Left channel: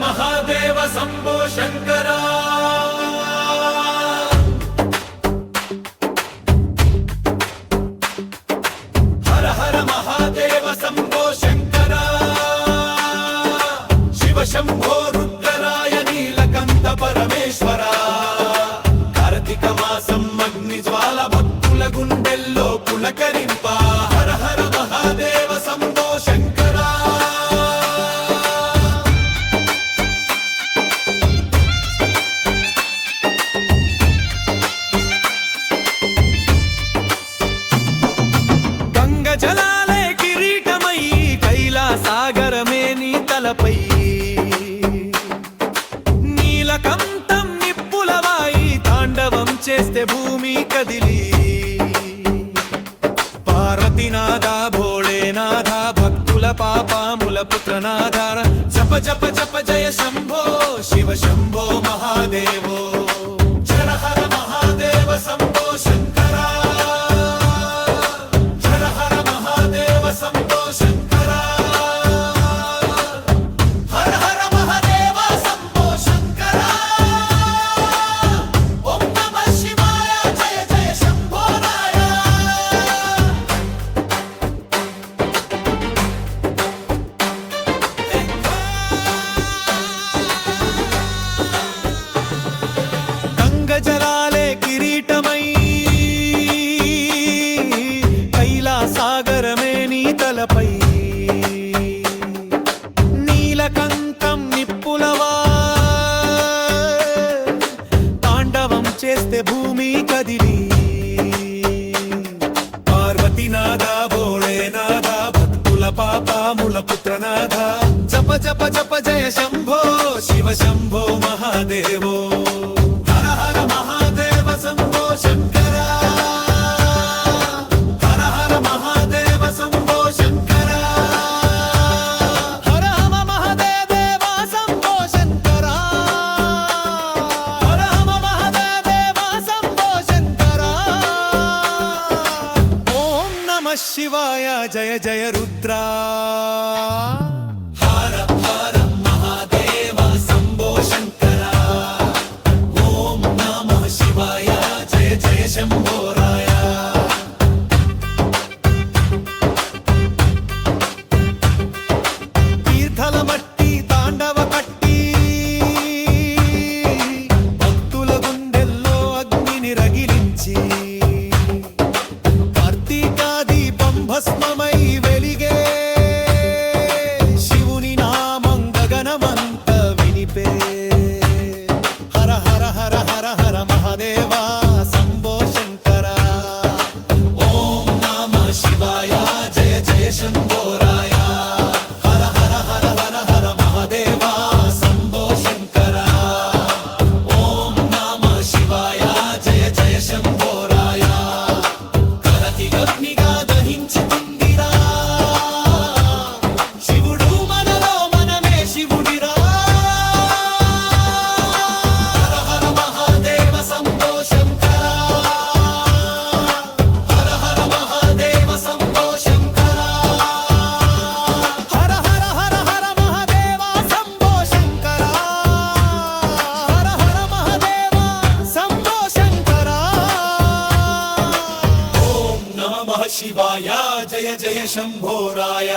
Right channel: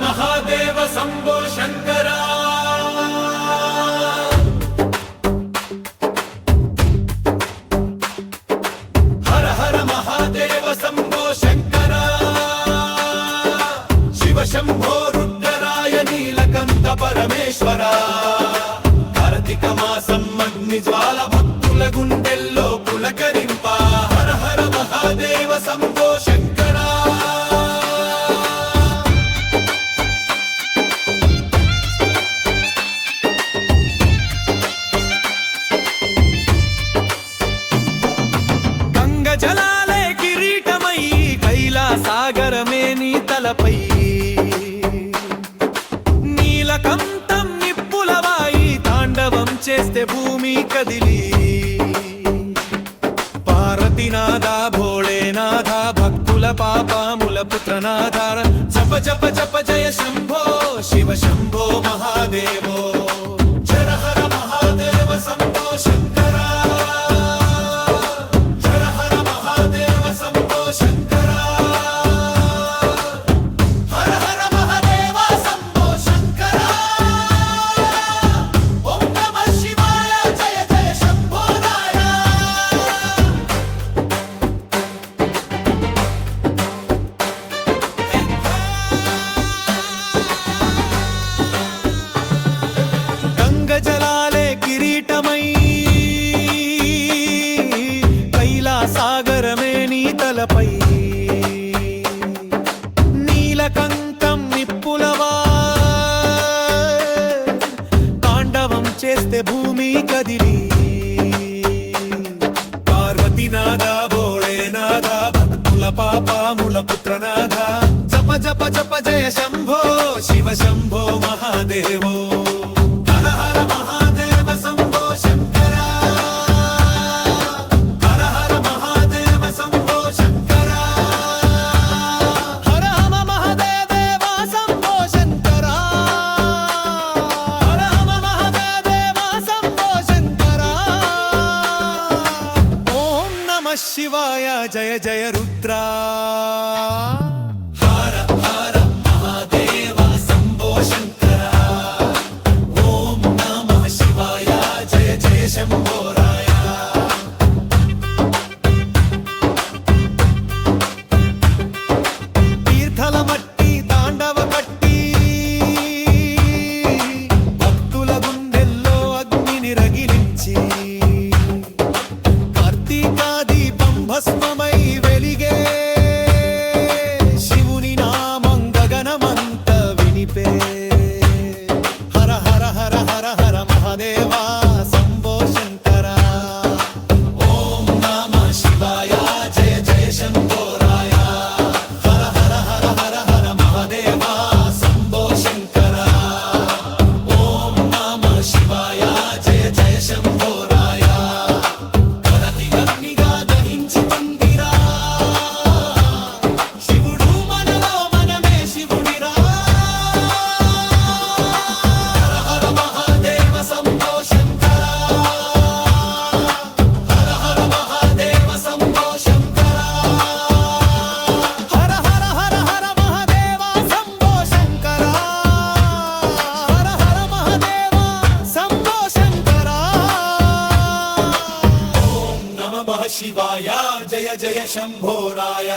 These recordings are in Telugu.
महादेव शंभो शंकरा हर हर महादेव शंभो शंकरा शिव शंभो रुद्रराय नीलकंठ परमेश्वरा कार्तिक मासं अग्निज्वाल भक्तुल गुंडेल्लो पुलकरिंप हर हर महादेव शंभो शंकरा జలాలే కిరీటమై కైలాసాగరమే నీ తలపై నీలకంఠం నిప్పులవాయి తాండవం చేస్తే భూమి కదిలి పార్వతీనాథ భోళేనాథ భక్తుల పాపముల పుత్రనాథ జప జప జప జయ శంభో శివ శంభో మహాదేవో హర హర మహాదేవ శంభో శంకరా జలాలే కిరీటమై కైలాసాగరమే నీ తలపై నీలకంఠం నిప్పులవా తాండవం చేస్తే భూమి కదిలి పార్వతీనాథ భోళేనాథ భక్తుల పాపముల పుత్రనాథ జప జప జప జయ శంభో శివ శంభో మహాదేవో శివాయ జయ జయ రుద్ర హర హర మహాదేవ శంభో శంకర ఓం నమః శివాయ జయ జయ శంభో రాయ తీర్థల మట్టి తాండవ కట్టి భక్తుల గుండెల్లో అగ్నిని రగిలించి భస్మమై వెలిగే శివుని నామం గగనమంత వినిపే హర హర హర హర హర మహాదేవా శంభో శంకరా ఓం నమః శివాయ జయ జయ శంభో రాయ హర హర హర హర హర మహాదేవా శంభో శంకరా ఓం నమః శివాయ జయ జయ శంభో రాయ కరతిగగ్నిగా దహించుకుందిరా శివుడు మనలో మనమే శివుడిరా హర హర మహాదేవ శంభో శంకరా హర హర మహాదేవ శంభో శంకరా హర హర హర హర మహాదేవ శంభో శంకరా హర హర మహాదేవ శంభో శంకరా ఓం నమః శివాయ జయ జయ శంభో రాయ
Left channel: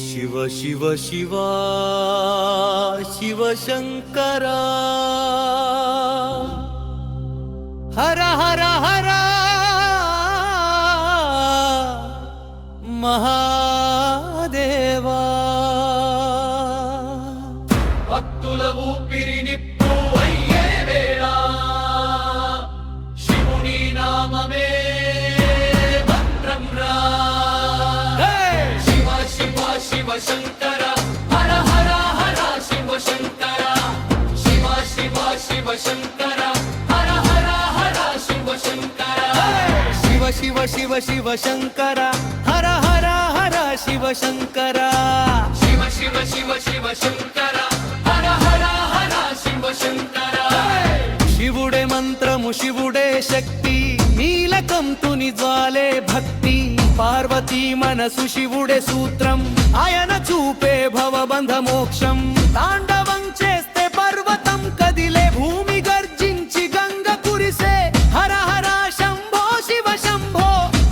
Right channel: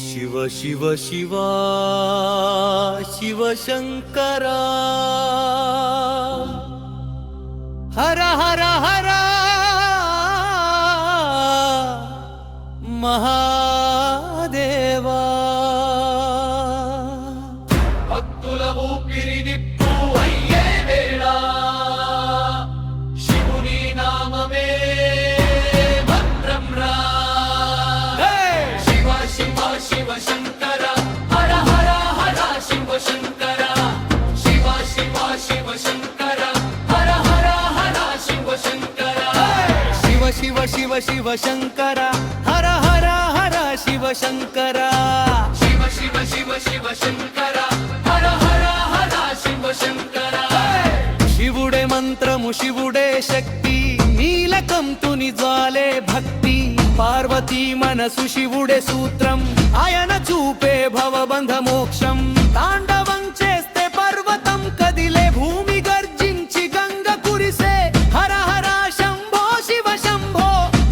శివ శివ శివ శివ శంకరా హర హర హర మహాదేవా భక్తుల ఊపిరి నిప్పు అయ్యే వేళ శివుని నామమే మంత్రం రా శివ శివ శివ శంకర హర హర హర శివ శంకర శివ శివ శివ శంకర హర హర హర శివ శంకర శివ శివ శివ శివ శంకర హర హర హర శివ శంకర శివ శివ శివ శివ శంకర హర హర మంత్రము శివుడే శక్తి, నీలకంతుని జ్వాలే భక్తి, పార్వతీ మనసు శివుడే సూత్రం, ఆయన చూపే భవబంధ మోక్షం. తాండవం చేస్తే పర్వతం కదిలే, భూమి గర్జించి గంగ కురిసే, హర హర శంభో శివ శంభో,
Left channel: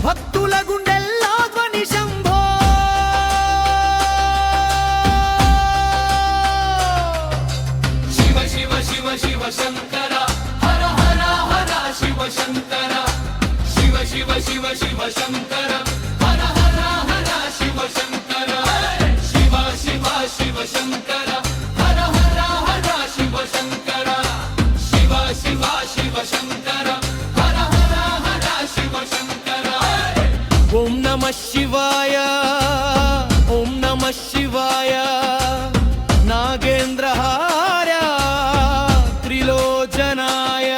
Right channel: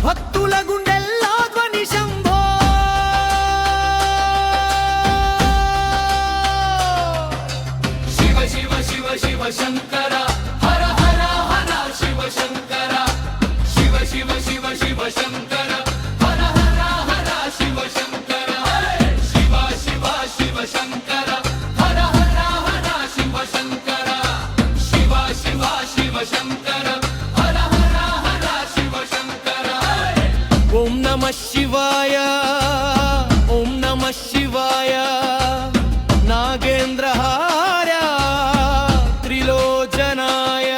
భక్తుల గుండెల్లో ధ్వని శంభో. శివ శివ శివ శివ శంకర, హర హర హర శివ శంకర. శివ శివ శివ శివ శంకర, హర హర హర శివ శంకర. శివ శివ శివ శంకర, హర హర హర శివ శంకర. శివ శివ శివ శంకర, హర హర హర శివ శంకర. ఓం నమః శివాయ, ఓం నమః శివాయ, నాగేంద్రహార త్రిలోచనాయ.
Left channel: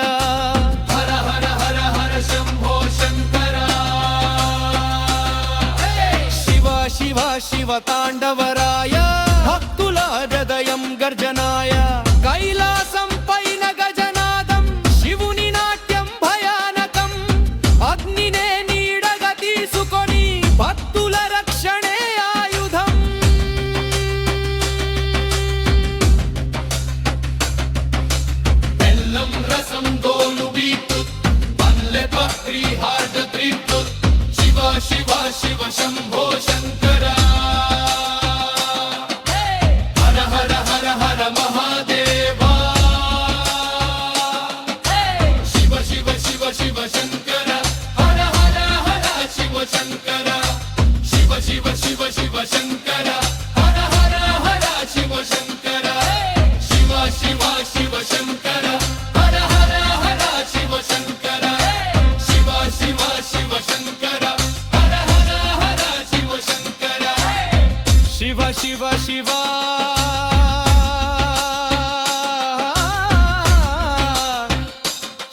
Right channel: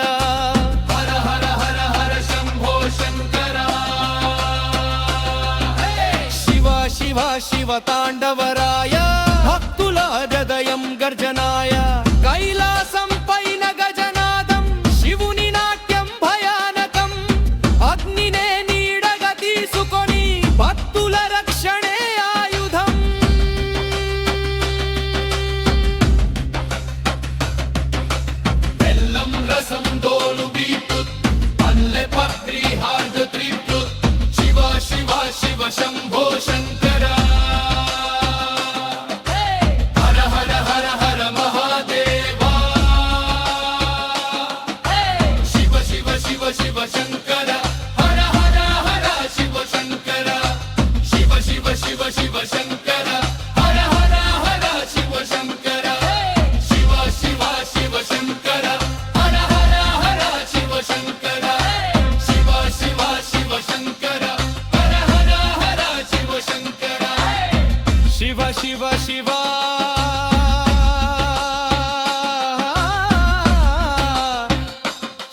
హర హర హర హర శంభో శంకర. శివ శివ శివ తాండవరాయ, భక్తుల హృదయం గర్జనాయ. కైలాసం పైన గజనాదం, శివుని నాట్యం భయానకం, అగ్నినే నీడగా తీసుకొని భక్తుల రక్షణే ఆయుధం. బెల్లం రసం దోలు బీట్రూట్, పల్లె పత్రి హార్ద త్రిప్రుట్. శివ శివ శివ శంభో శంకర. హర హర హర హర మహాదేవా. శివ శివ శివ శివ శంకర, హర హర హర శివ శంకర. శివ శివ శివ శివ శంకర, హర హర హర శివ శంకర. శివ శివ శివ శంకర, హర హర హర శివ శంకర. శివ శివ శివ శంకర, హర హర హర శివ శంకర. శివ శివ శివ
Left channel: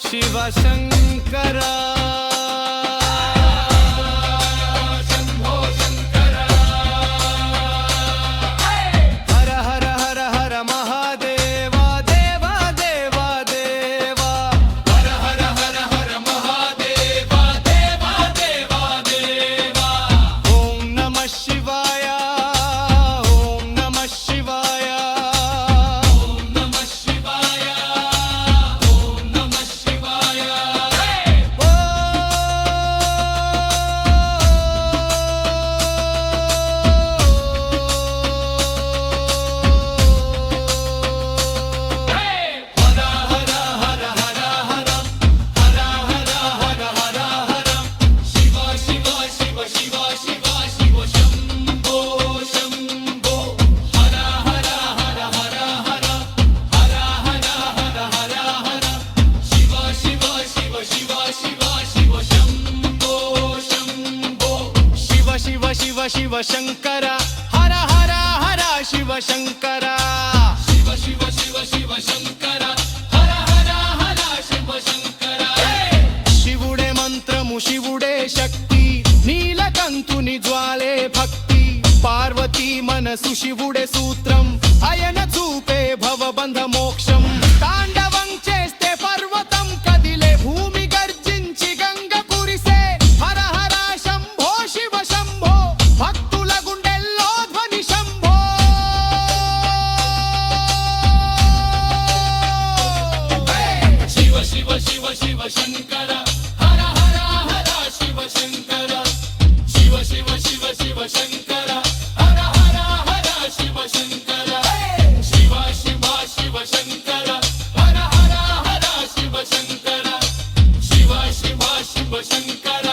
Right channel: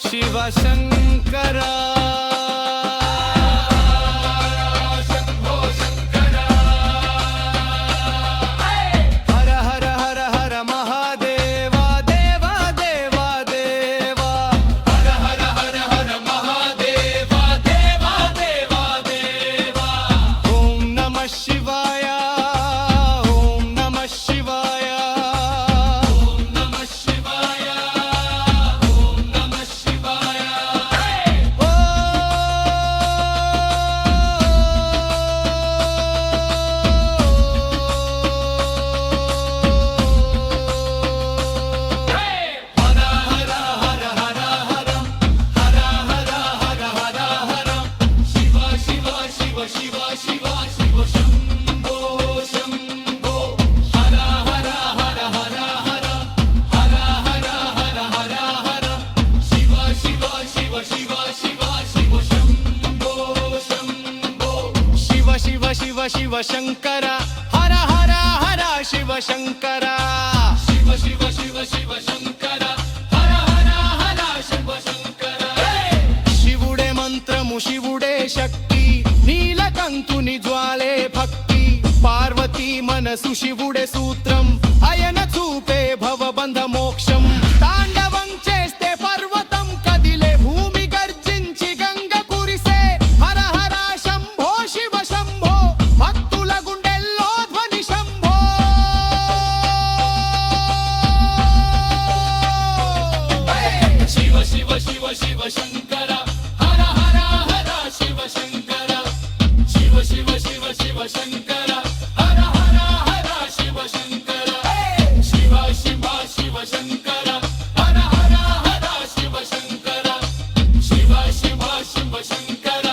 శివ శంకర. శంభో శంకర. హర హర హర హర మహాదేవా దేవా దేవా దేవా. హర హర హర హర మహాదేవా దేవా దేవా దేవా. ఓం నమః శివాయ, ఓం నమః శివాయ. ఓం నమః శివాయ, ఓం నమః శివాయ. ఓ హర హర హర హర హరం, హర హర హర హర హరం. శివ శివ శివ శివ శివ శివ శంభో శంభో. హర హర హర హర హరం, హర హర హర హర హరం. శివ శివ శివ శివ శివ శివ శంభో శంభో. శివ శివ శివ శివ శంకర, హర హర హర శివ శంకర. శివ శివ శివ శివ శంకర, హర హర హర శివ శంకర. శివుడే మంత్రము శివుడే శక్తి, నీలకంతుని జ్వాలే భక్తి, పార్వతీ మనసు శివుడే సూత్రం, ఆయన చూపే భవబంధ మోక్షం. తాండవం చేస్తే పర్వతం కదిలే, భూమి గర్జించి గంగ కురిసే, హర హర శంభో శివ శంభో, భక్తుల గుండెల్లో ధ్వని శంభో. శివ శివ శివ శివ శంకర, హర హర హర శివ శంకర. శివ శివ శివ శివ శంకర, హర హర హర శివ శంకర. శివ శివ శివ శంకర, హర హర హర శివ శంకర. శివ శివ శివ శంకర,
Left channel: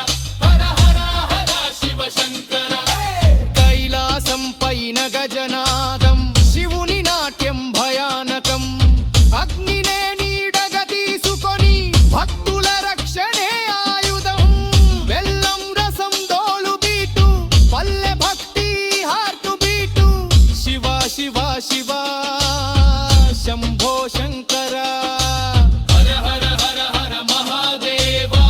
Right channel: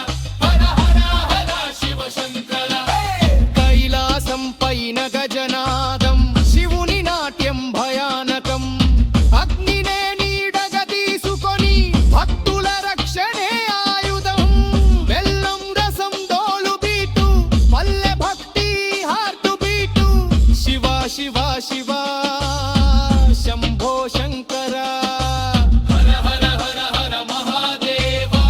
హర హర హర శివ శంకర. కైలాసం పైన గజనాదం, శివుని నాట్యం భయానకం, అగ్నినే నీడగా తీసుకొని భక్తుల రక్షణే ఆయుధం. బెల్లం రసం దోలు బీటు, పల్లె భక్తి హార్టు బీటు. శివ శివ శివ శంభో శంకర. హర హర హర హర మహాదేవా.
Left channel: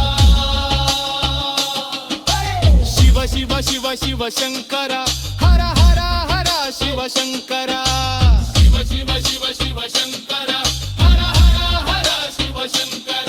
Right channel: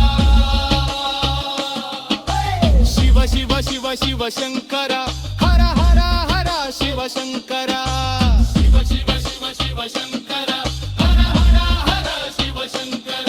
శివ శివ శివ శివ శంకర, హర హర హర శివ శంకర. శివ శివ శివ శివ శంకర, హర హర హర శివ శంకర.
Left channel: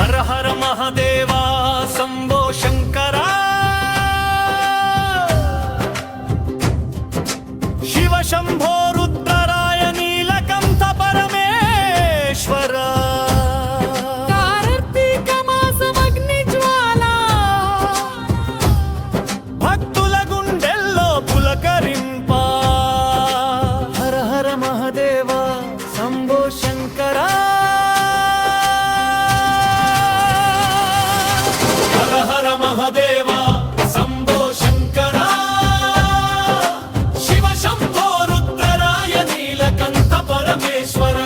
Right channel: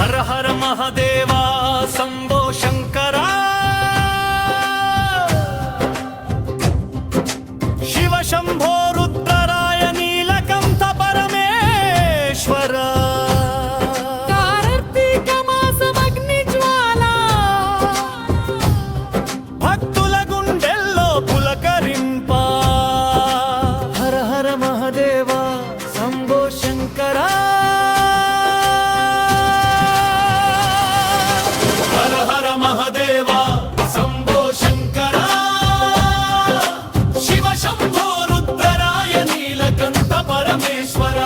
హర హర మహదేవా శంభో శంకరా శివ శంభో రుద్రరాయ నీలకంఠ పరమేశ్వర కార్తీక మాసమగ్ని జ్వాల భక్తుల గుండెల్లో పులకరింప హర హర మహదేవా శంభో శంకరా హర హర మహదేవా శంభో శంకరా శివ శంభో రుద్రరాయ నీలకంఠ పరమేశ్వర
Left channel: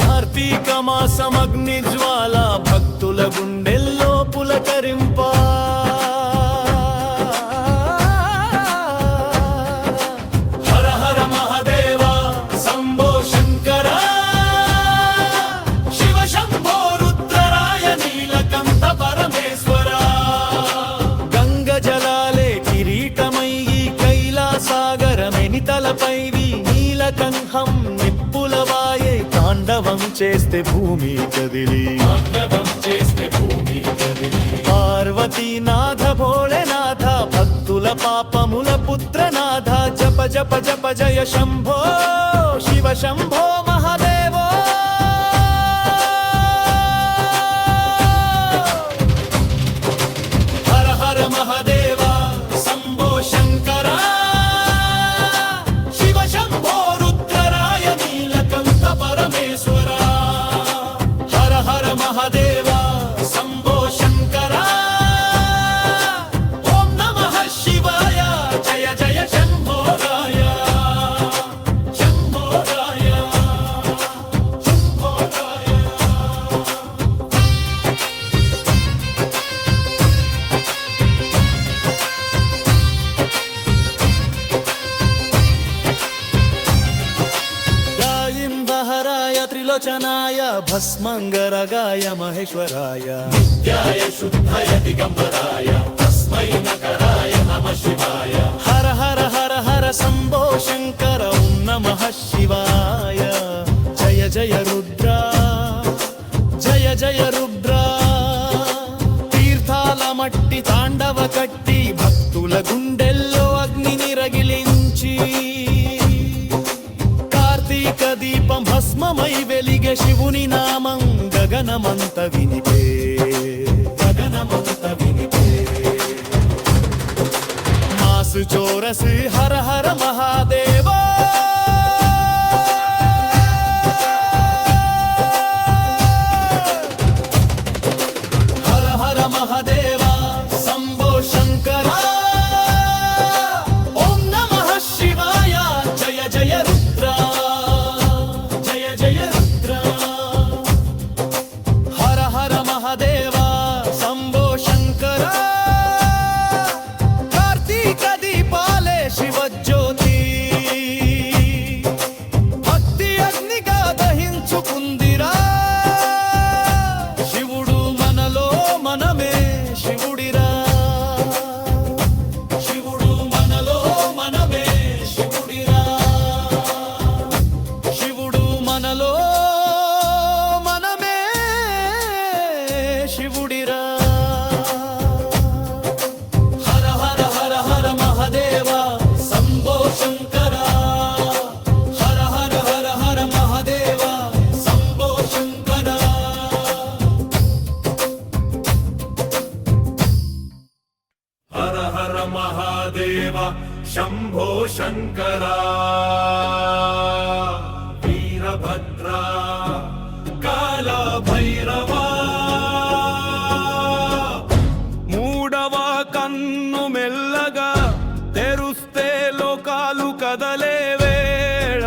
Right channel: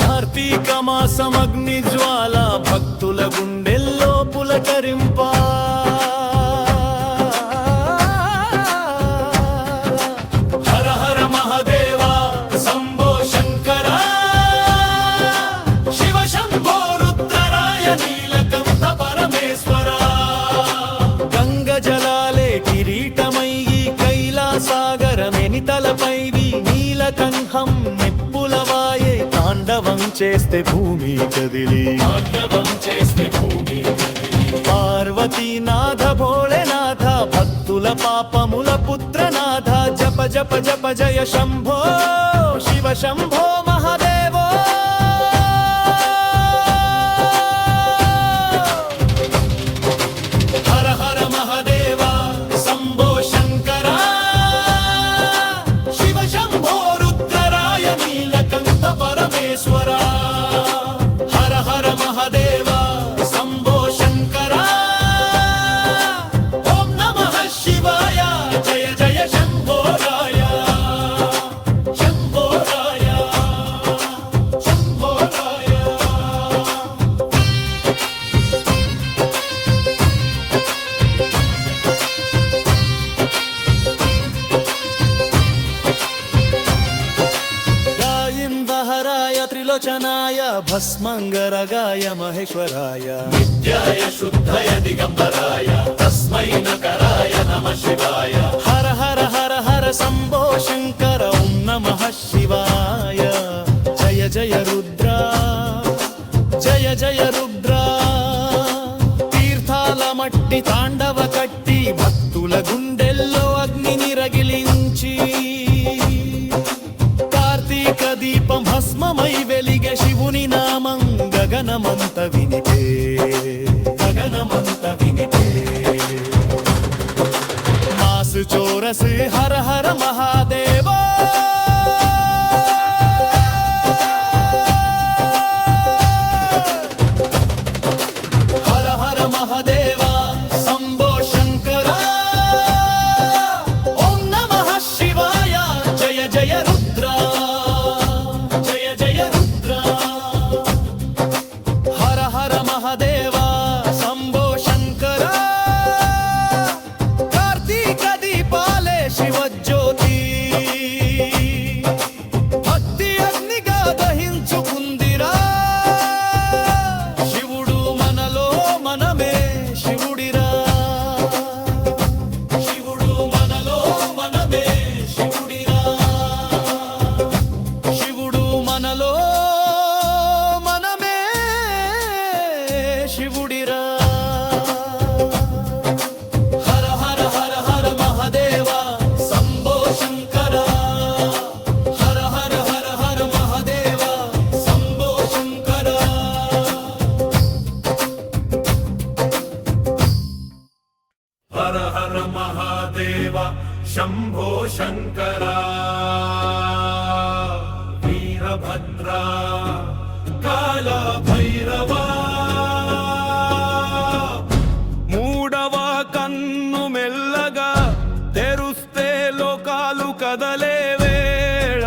కార్తీక మాసమగ్ని జ్వాల భక్తుల గుండెల్లో పులకరింప హర హర మహదేవా శంభో శంకరా శివ శంభో రుద్రరాయ నీలకంఠ పరమేశ్వర గంగ జలాలే కిరీటమయ్యి కైలాసాగరమెనితలపైవి నీలకంఠం నిప్పులవాయే తాండవం చేస్తే భూమి కదిలి పార్వతీనాథ భోళేనాథ భక్తుల పాపముల పుత్రనాథ జప జప జప జయ శంభో శివ శంభో మహాదేవో హర హర మహదేవా శంభో శంకరా శివ శంభో రుద్రరాయ నీలకంఠ పరమేశ్వర హర హర మహదేవా శంభో శంకరా ఓం నమః శివాయ జయ జయ శంభో రాయ శంభో రాయ శంభో రాయ గాయిందహరాయ త్రిలోచనాయ భస్మంగరగాయ మహేశ్వరాయ నిత్యాయ శుద్ధయ దిగంబరాయ తస్మై నకరాయ నమః శివాయ హర హర హర హర శంభో శంకర ఓం నమః శివాయ జయ జయ రుద్ర జయ జయ రుద్ర తీర్థాల మట్టి తాండవ కట్టి భక్తుల గుండెల్లో అగ్నిని రగిలించి కార్తీక దీపం భస్మమై వెలిగే శివుని నామం గగనమంత వినిపే మాసు చోరసు హర హర మహాదేవా హర హర మహాదేవా శంభో శంకరా ఓం నమః శివాయ జయ జయ రుద్ర జయ జయ రుద్ర హర హర మహాదేవా శంభో శంకరా కార్తీక దీపాలే శివజ్యోతి భక్తి అగ్నిగా దహించుకుందిరా శివుడు మనలో మనమే శివుడిరా శివుడు మనలో మనమే శివుడిరా శివుడు మనలో మనమే శివుడిరా హర హర హర హర మహదేవా శంభో శంకరా హర హర హర హర మహదేవా శంభో శంకరా హర హర మహాదేవ శంభో శంకరా వీరభద్రా కాల భైరవా మూడవ కన్ను మెల్లగా తెరుస్తే లోకాలు కదలే వేళ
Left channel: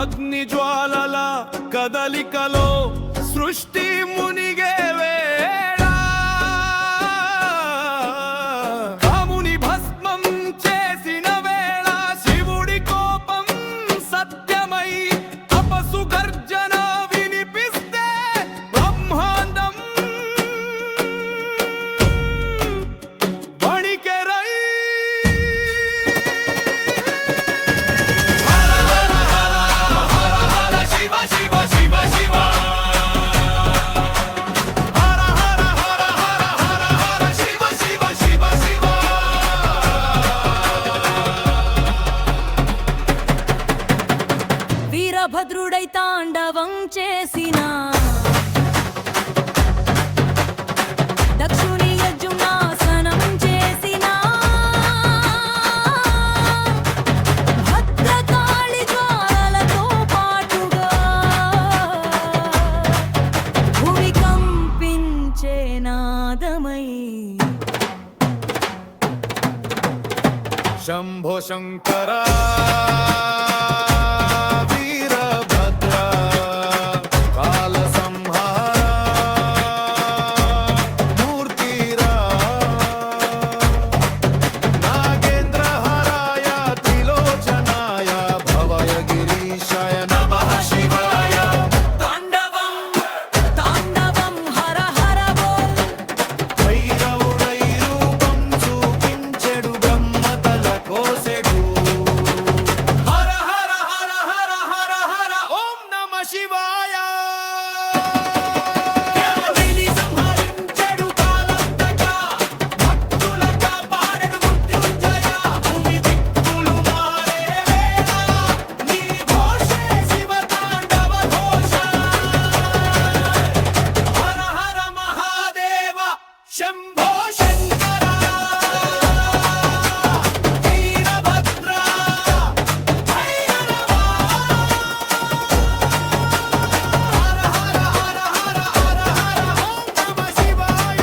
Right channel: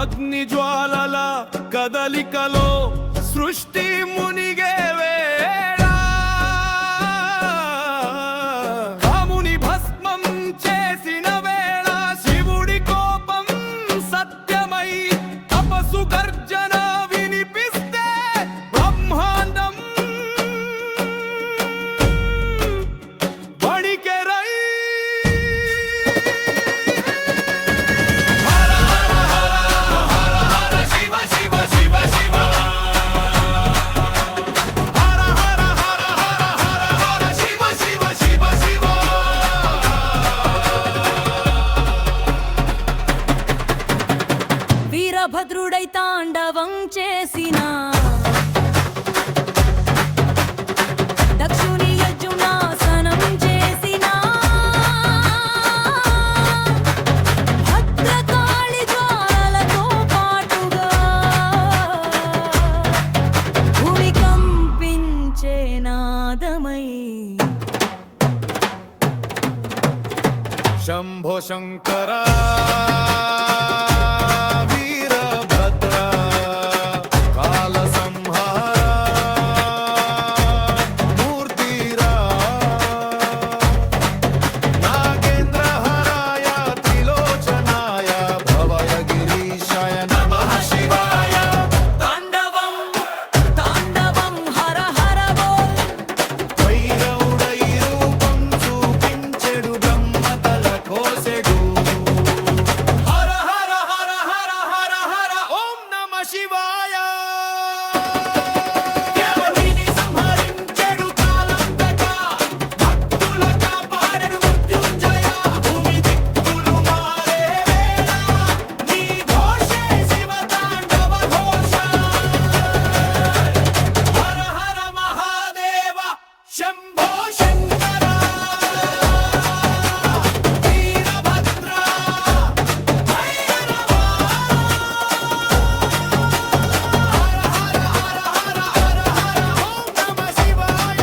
అగ్ని జ్వాలల కదలికలో సృష్టి మునిగే వేళ రాముని భస్మం చేసిన వేళ శివుడి కోపం సత్యమై తపసు గర్జన వినిపిస్తే బ్రహ్మాండం వణికెరై హర హర హర హర హర శివ శివ శివ శివ వీరభద్రుడై తాండవం చేసిన దక్షుని యజ్ఞాసనం చేసిన భద్రకాళి జ్వాలలతో పాటుగా భూమి కంపించే నాదమై శంభో శంకర వీరభద్ర కాల సంహార మూర్తిరా నాగేంద్రహరాయ త్రిలోచనాయ భవయ గిరీశాయ నమః శివాయ తాండవం తాండవం హర హర బోల్ భైరవుడై రూపం చూపించెడు బ్రహ్మతల కోసెడు హర హర హర హర హర హర ఓం నమః శివాయ ఎవరిని సంహరించెడు కాలంతక భక్తుల కాపాడెడు మృత్యుంజయ భూమి దిక్కులు మారే వేళ నీ ఘోషే శివ తాండవ ఘోష హర హర మహాదేవ శంభో శంకర వీరభద్ర భైరవ హర హర హర హర హర హర ఓం నమః శివాయ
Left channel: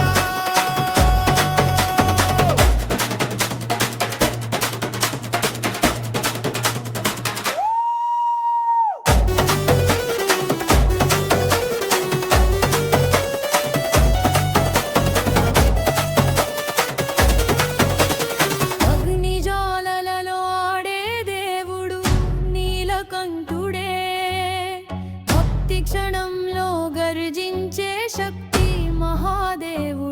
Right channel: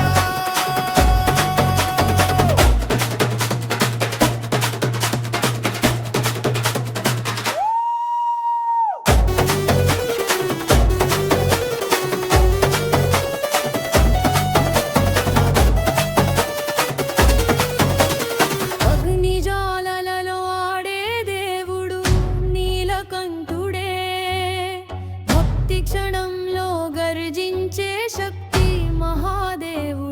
అగ్నిజాలలో ఆడే దేవుడు నీలకంఠుడే భక్తి క్షణంలో గర్జించే శక్తి మహాదేవుడే